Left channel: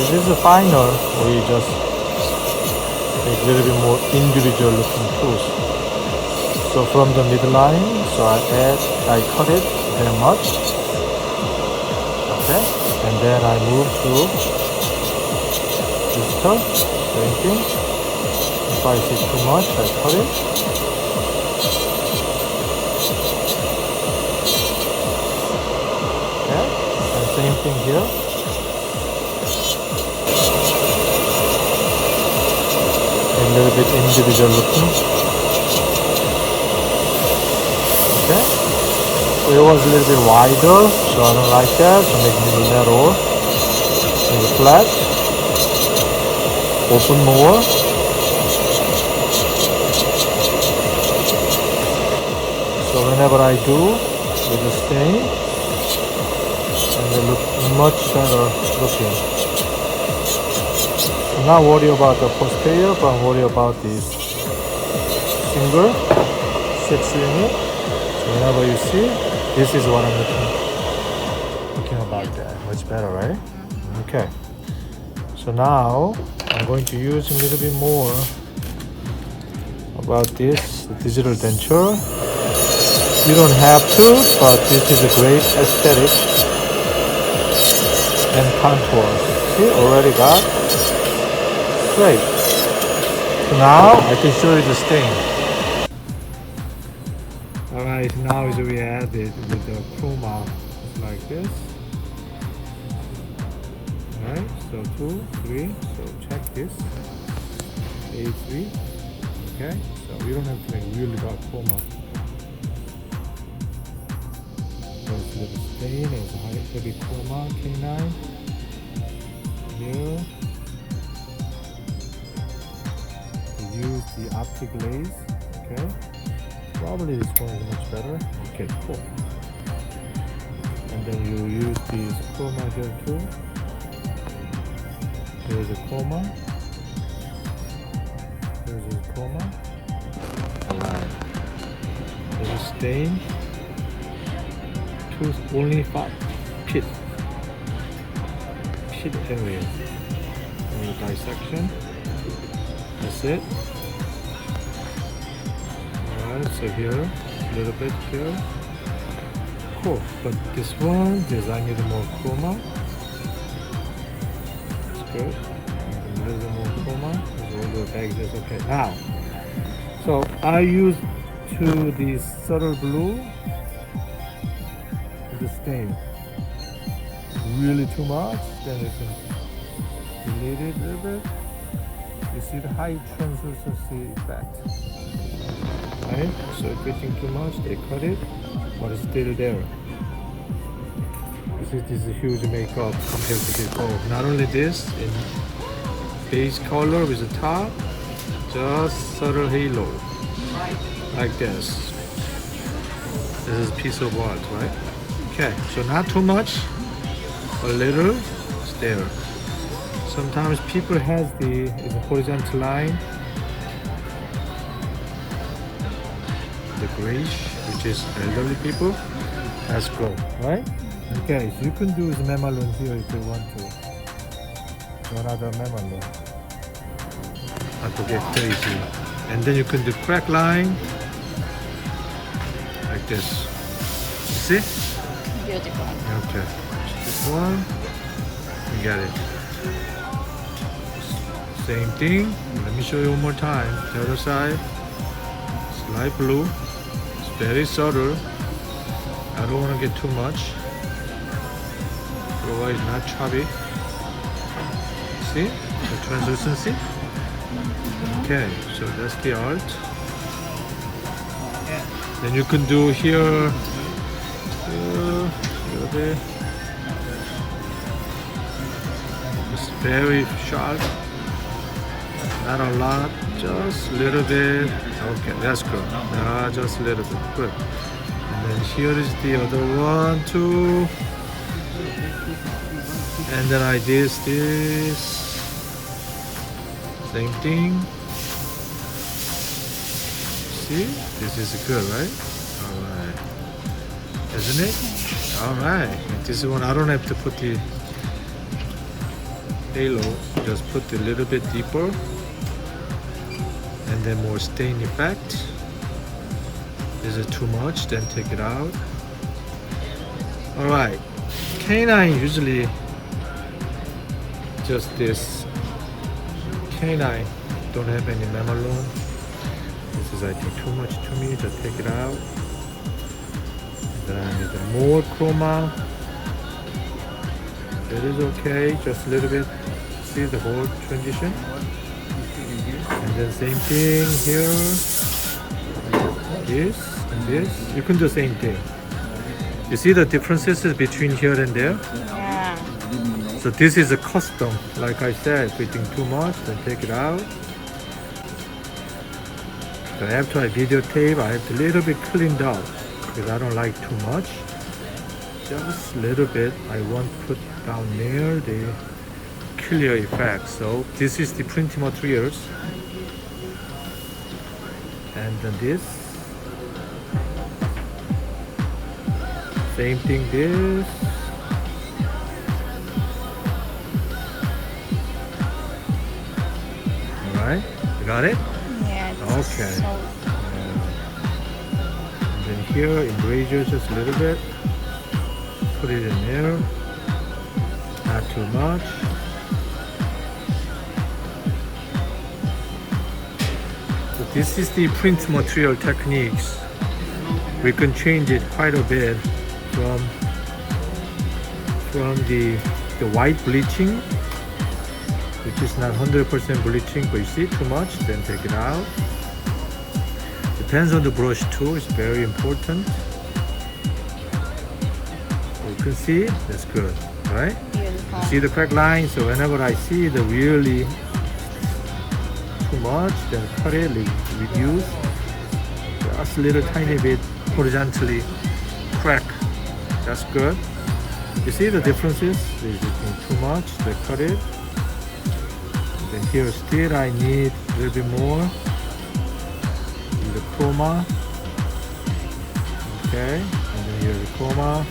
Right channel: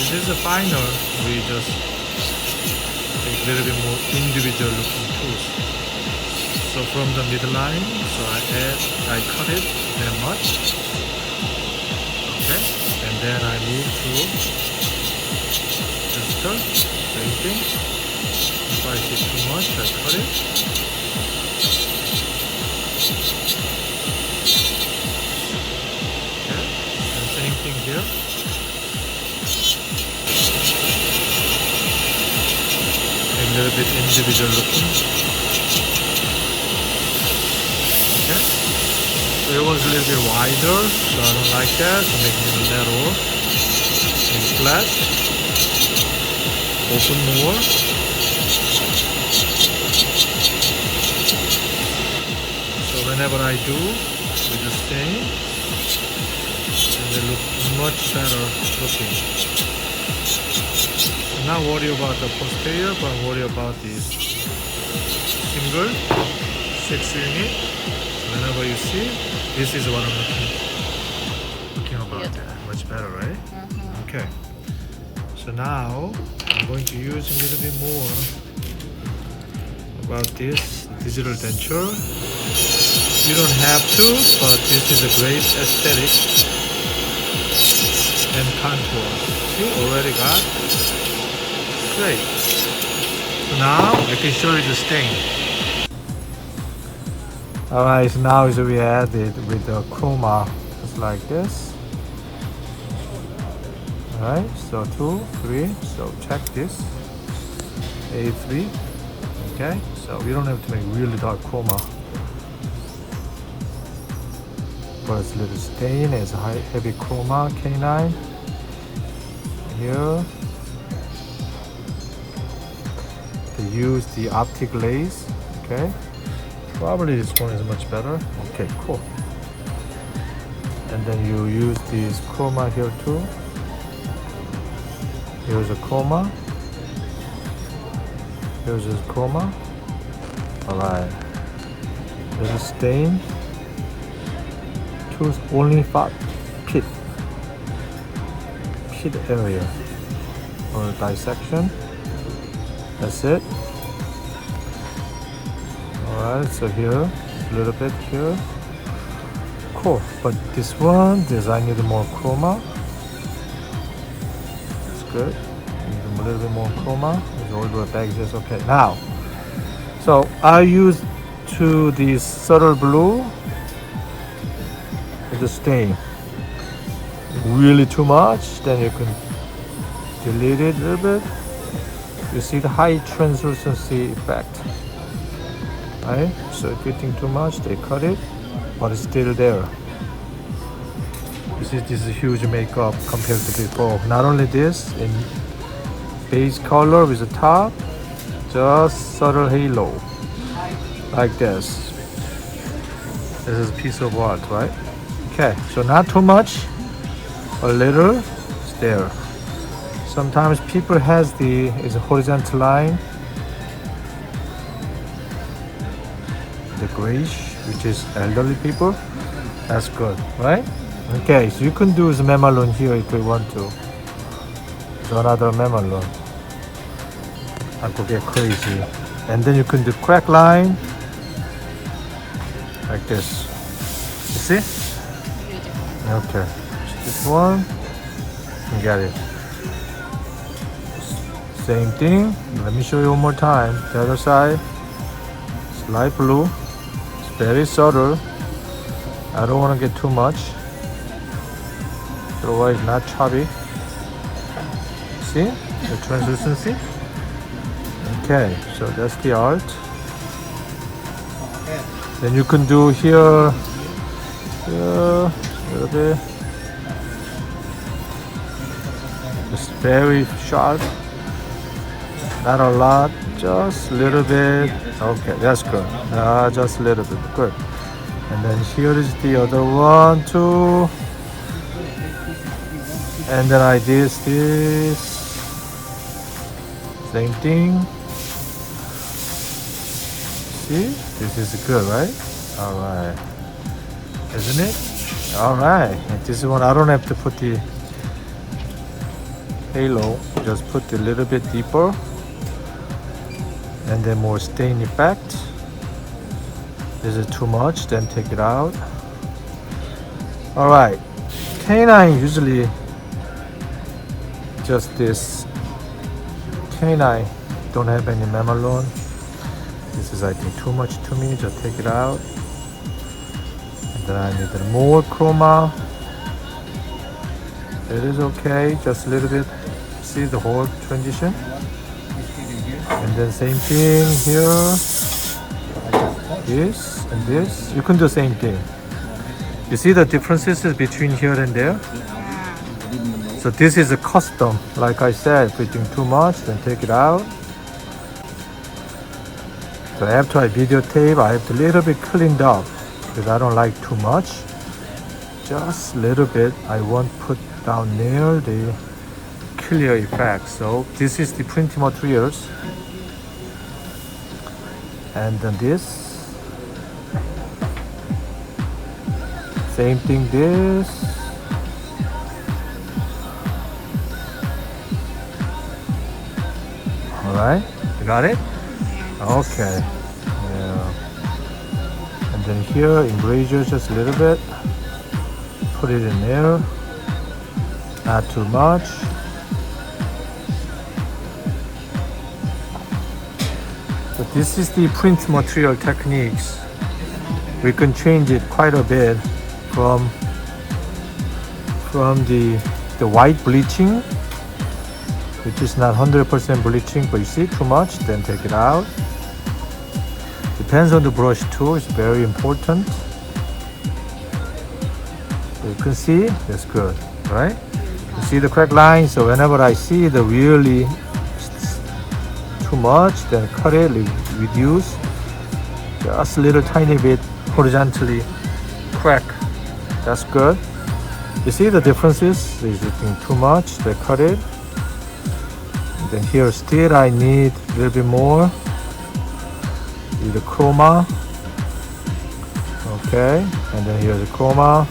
This is a finer. We just make a little bit more individual looking tools. So from the midline, so I cut it that much. Okay, and then I move to this part, same thing. If I see too much, I cut it. Okay, and same thing here. A little bit individual looking. Okay, so it was a little bit wider, so I don't like that. So make it a little narrower, make it flat, open more. So whenever I do with the stain, and they look much better looking. I'm not worried about the posterior, but I'm worried about this single 6 unit. So whenever you see, this is what I'm looking about that. Much better, right? Okay. So now I'm going to use a little bit more about this digital denture. You don't have to, but this is a great aesthetic and contour. See, already got great. Now I can show you the stain. Alright, now is we add it with the chroma. It's like this. Alright, so 2, 3. So check this. A3. Okay, so we don't have to make really dark chroma. But it's a little stain, it's high heavy chroma, K9. Here. Use the optic glaze. Okay, probably this one is much better. Okay, cool. And then you use this chroma here too. Here's a chroma. Here's a chroma. Alright. There's a stain. Only pit area or dissection. That's it. Alright, so here, a little bit here. Cool. But this one, I need more chroma. That's good. A little bit more chroma. It's all the back is okay. Now, so I use this subtle blue with the stain. Really too much, then you can delete it a little bit. You see the high translucency effect, right? So if you think too much, they cut it, but it's still there. You see, this is a huge makeup compared to before. Not only this, in base color with the top, just subtle halo, like this. This is a piece of art, right? Okay, so not too much, a little, it's there. Sometimes people has it's a horizontal line, the grayish, which is elderly people. That's good, right? Okay, so you can do the mamelon here if you want to. So another mamelon. I could get crazy. And then you can do crack line, like this. You see? Okay. This one, you got it. Same thing. Let me show you one more time. The other side. It's light blue. It's very subtle. I don't want to get too much. Otherwise, not chubby. See the translucency? Okay, so that's the art. Then you can do here, a little bit. It's very sharp. Not a lot, just a little bit. Okay, that's good. Just a little bit. Good. And then here is the other one too. And then I did this. Same thing. See? This is good, right? Alright. Isn't it? Alright. This one I don't have to put the halo, just put a little bit deeper, and then more stain effect. Is it too much? Then take it out. Alright, canine usually just this. Canine don't have any mamelon. This is I think too much to me, just take it out. And then I need more chroma. It is okay, just a little bit. See the whole transition. And then same thing here. This and this. You can do same thing. You see the differences between here and there? So this is a custom. Like I said, if you think too much, then take it out. So after I videotape, I have to little bit cleaned up because I don't like too much. Just a little bit. I won't put down there the clear effect. So this is the print materials. And then this. Same thing this. Alright, you got it? Okay. Yeah. And then here, erasure just a little bit. Put it in there. Not too much. So this is the print material techniques. We can change it quite a bit from the white bleaching, which is not 100% bleaching, but you see too much, then take it out. Depends on the brush too, it's very important. You can see, that's good, right? You see the crack line, so whenever I see the really too much, then cut it, reduce, just a little tiny bit horizontally crack. That's good. You see the differences? Is it too much? Then cut it. Then here still I need a little bit more with the chroma. Okay, and then here's the chroma.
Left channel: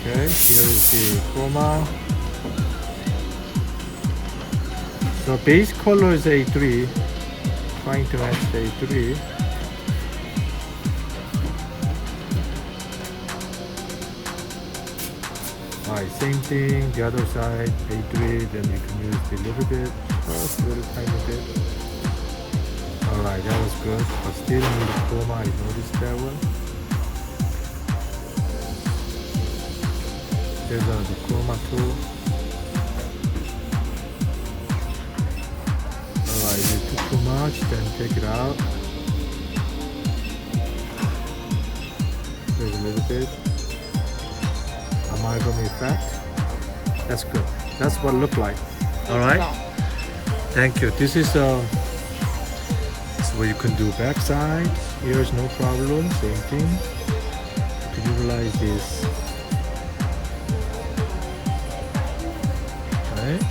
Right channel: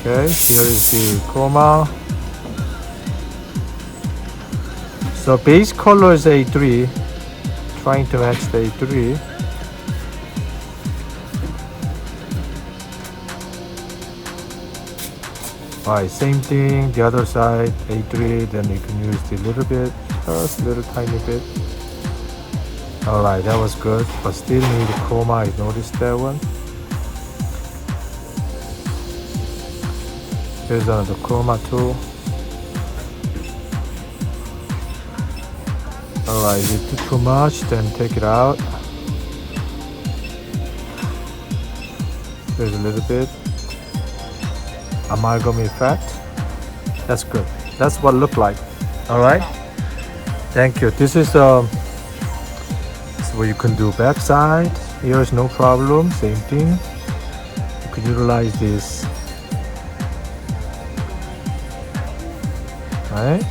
Okay, here is the chroma. So base color is A3. Trying to match the A3. Alright, same thing, the other side, A3, then you can use the little bit, just a little tiny bit. Alright, that was good, but still need chroma, I noticed that one. Here's another chroma too. Alright, if you do too much, then take it out. There's a little bit. Amalgam effect. That's good. That's what it look like. All right. Thank you. This is what you can do backside. Here's no problem. Same thing. You could utilize this. Right.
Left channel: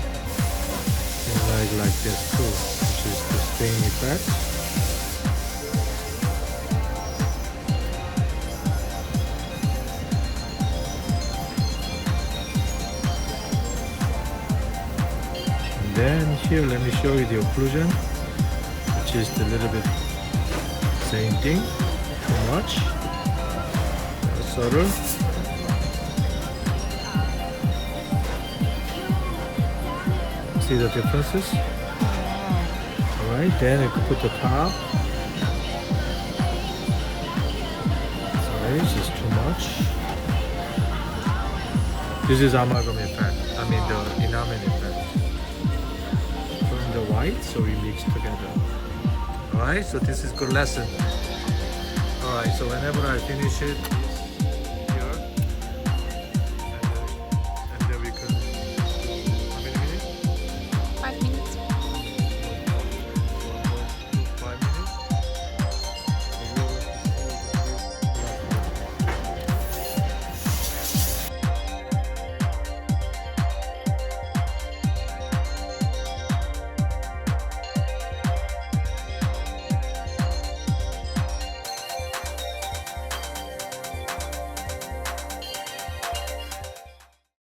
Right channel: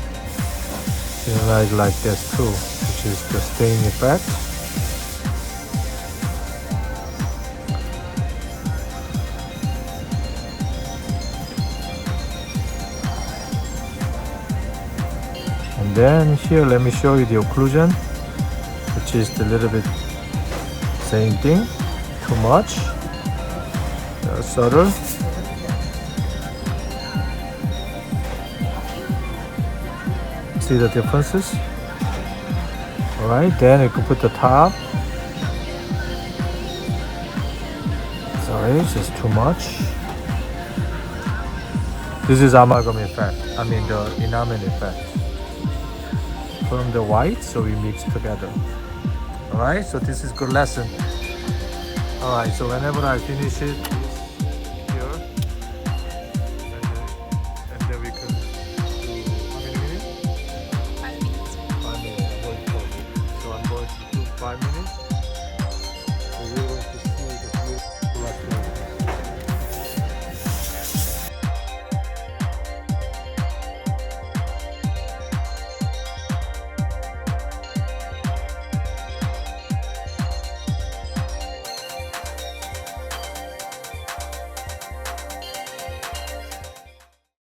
Utilize like this too, which is the stain effect. Then here, let me show you the occlusion, which is a little bit same thing, too much, subtle. See the differences? Alright, then you can put the top. Sorry, this is too much. This is amalgam effect, I mean the enamel effect. From the white, so we mix together. Alright, so this is good lesson. Alright, so whenever I finish it,